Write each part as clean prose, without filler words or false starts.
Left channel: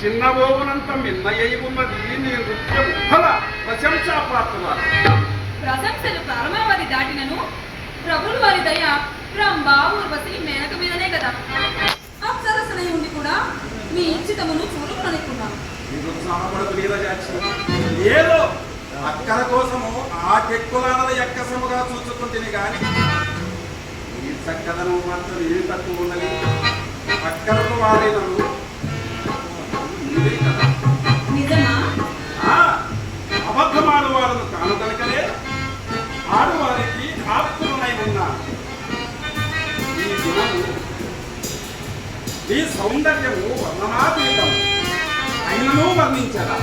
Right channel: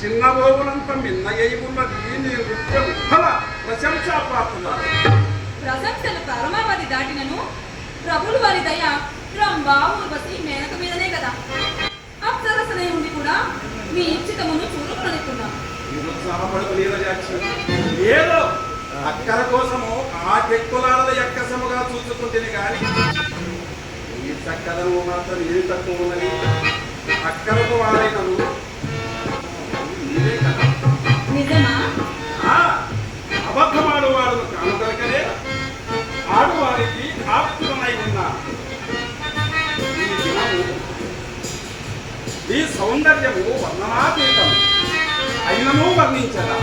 చిన్నబోవునంత మిన్నయ్యి ఉన్నది నీ నృత్యం ఫల ప్రశంసా ప్రాప్తురాలు. ప్రశంసలు పరమావధి దాటినను ప్రభులు వారి దయ రంభ ఊర్వశి మేనక మీదనే కదా. అప్సరసనై ఉండి కూడా మీ ఇచ్చితమును చూడకనుకున్నాను. ఏదో అక్కల కోసము ఆ చెక్కులాడల ఎక్కసముగా చూసుకుంటుంది కానీ ఈ చక్కదనం మాత్రం ఏమి తక్కువ ఉన్నది. అక్కలకు వారైనను నిజమా? అబద్ధమాడు వాడును కాను కనుకనే ఆడువారికి ఆప్తులనై ఉన్నాను. ఈ గుణము ఈ సౌందర్యము వర్ణనాతీతం అయినను వర్ణించదా.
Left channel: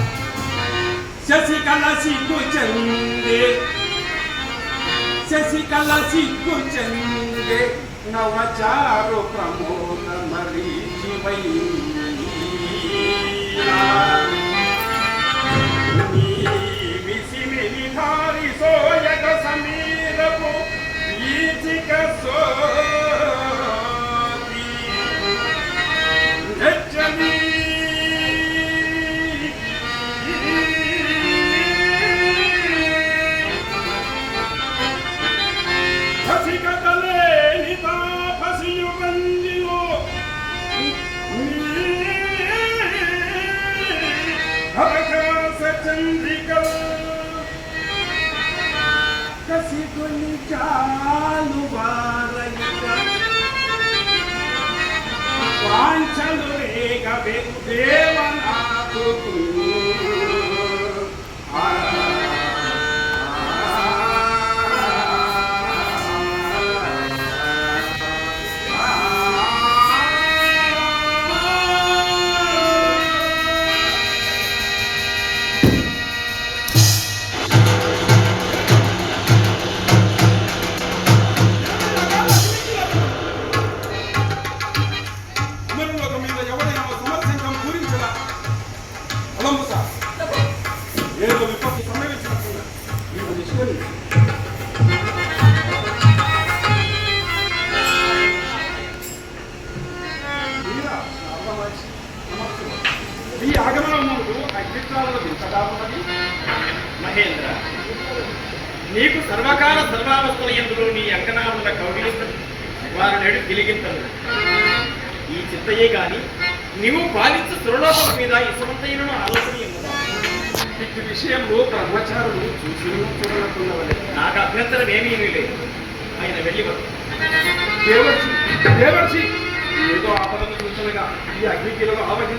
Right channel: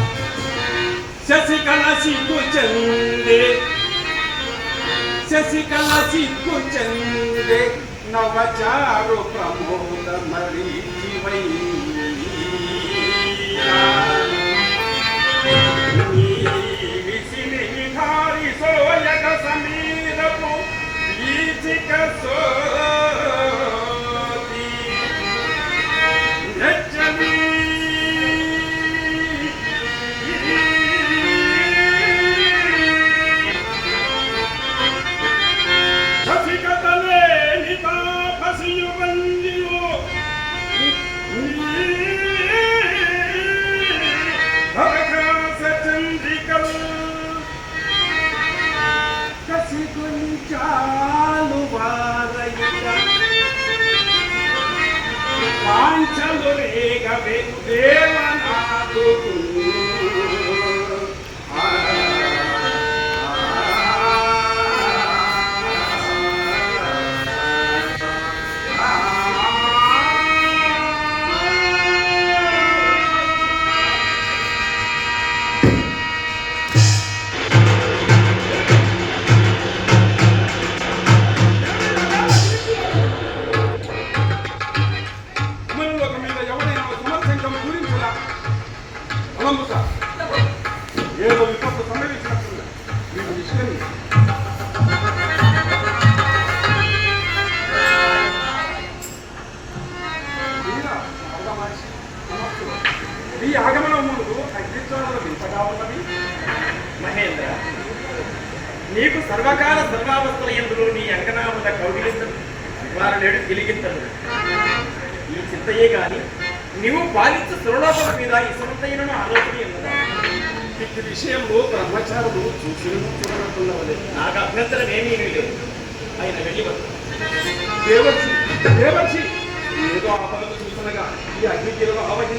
శశికళ సిగ్గు చెందే శశికళ సిగ్గు చెందే నవచారు ప్రమోద మరీచివై వాంఛలు రేగవే దేవనాకు ఏదో విపత్తు సంభవించినట్లుగా మీకు నిష్కరించి ఈ ఆగమనం ముందు అగ్నిత్వాలలో వింతగా ఉన్నది. మహేంద్ర, నీకు సర్వకాల సర్వావస్థల ఎందులో నీ అంకనా ఉన్న కౌగిలింతలు వారి నేడు తిలిగింతలు ఈ చింతయే గాని నీవు పాలించు సురలోకం మీద ఇసుమంతయ్యను ఆలోచన ఉన్నదా? ఈ విషయంలో బ్రహ్మచారులు చూసి చూడనట్లున్నవలేదు. నాకు అభ్యంతరం ఏమీ లేదు. ఆయన వెళ్ళి దేవర్షి దేవర్షి ఏదో ఆపదను చూసినగా ఈ అగ్నిగిరిలో ఆవగి